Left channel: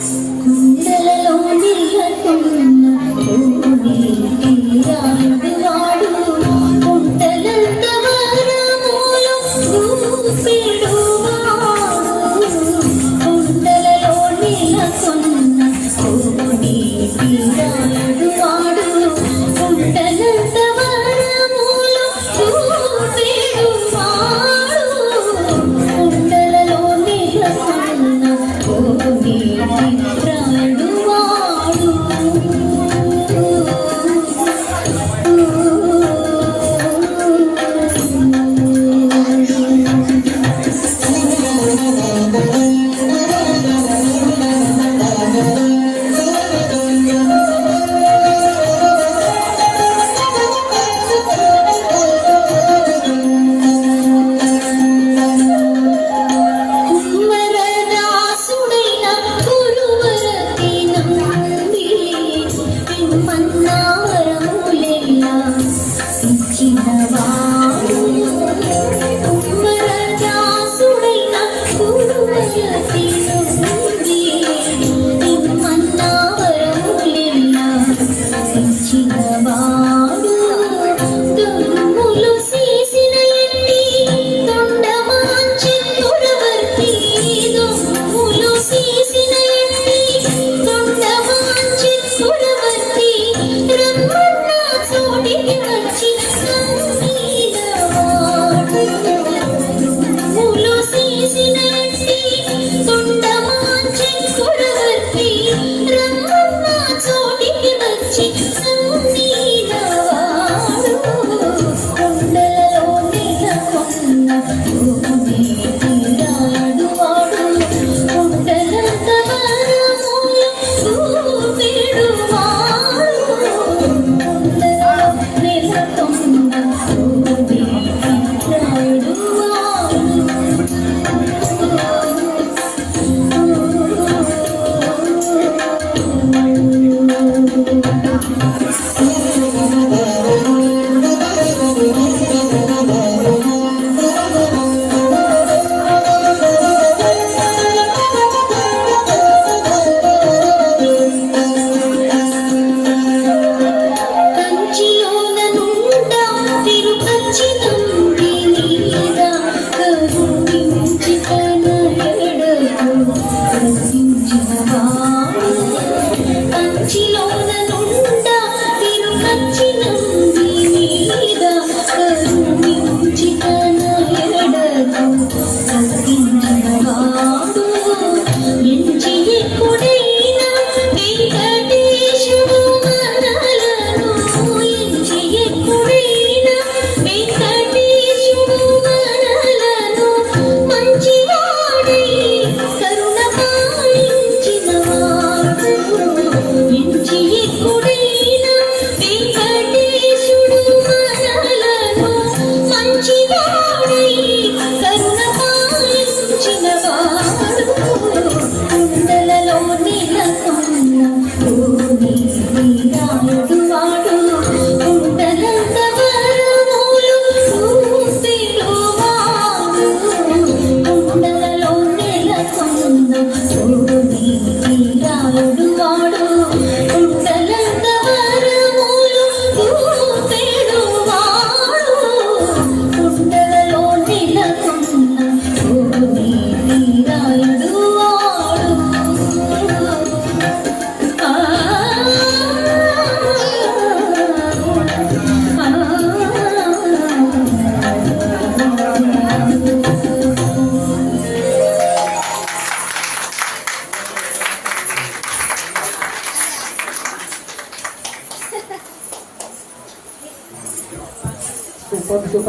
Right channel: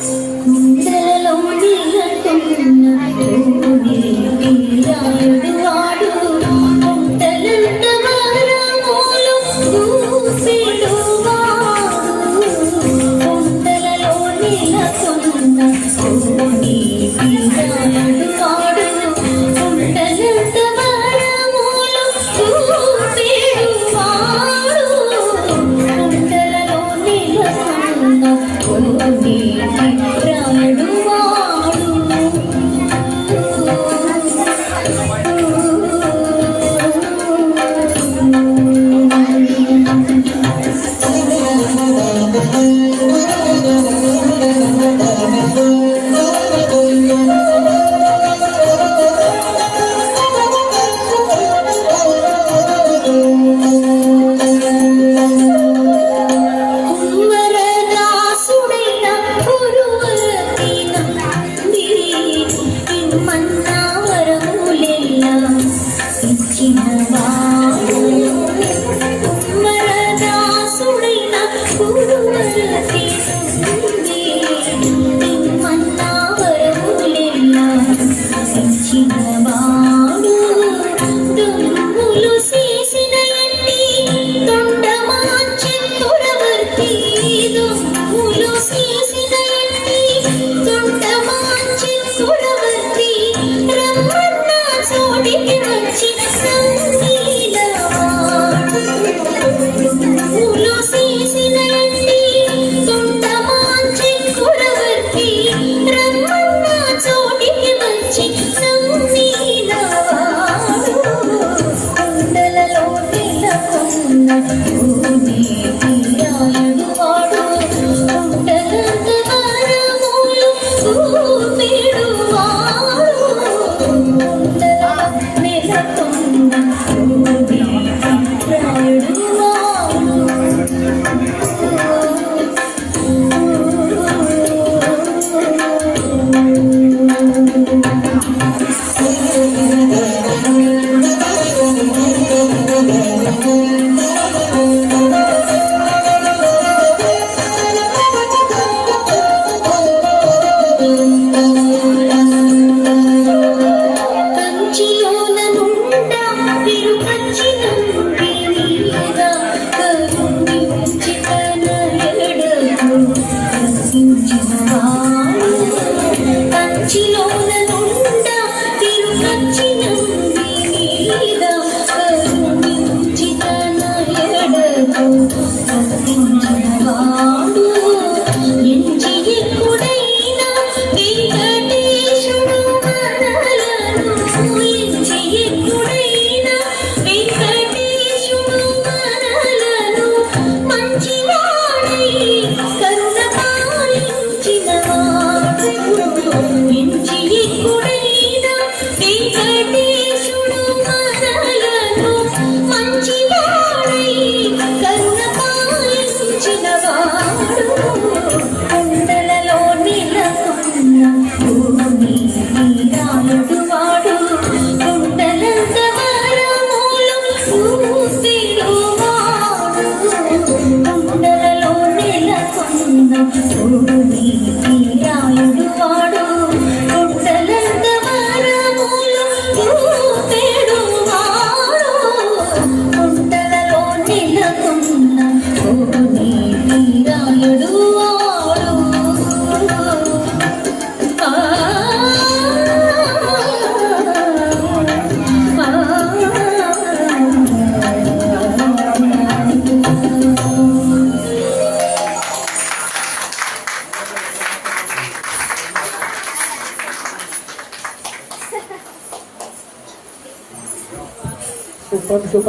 കുന്തലോടില്ല കുന്നു തീരായ Just keep 不懂你。you are Cukup.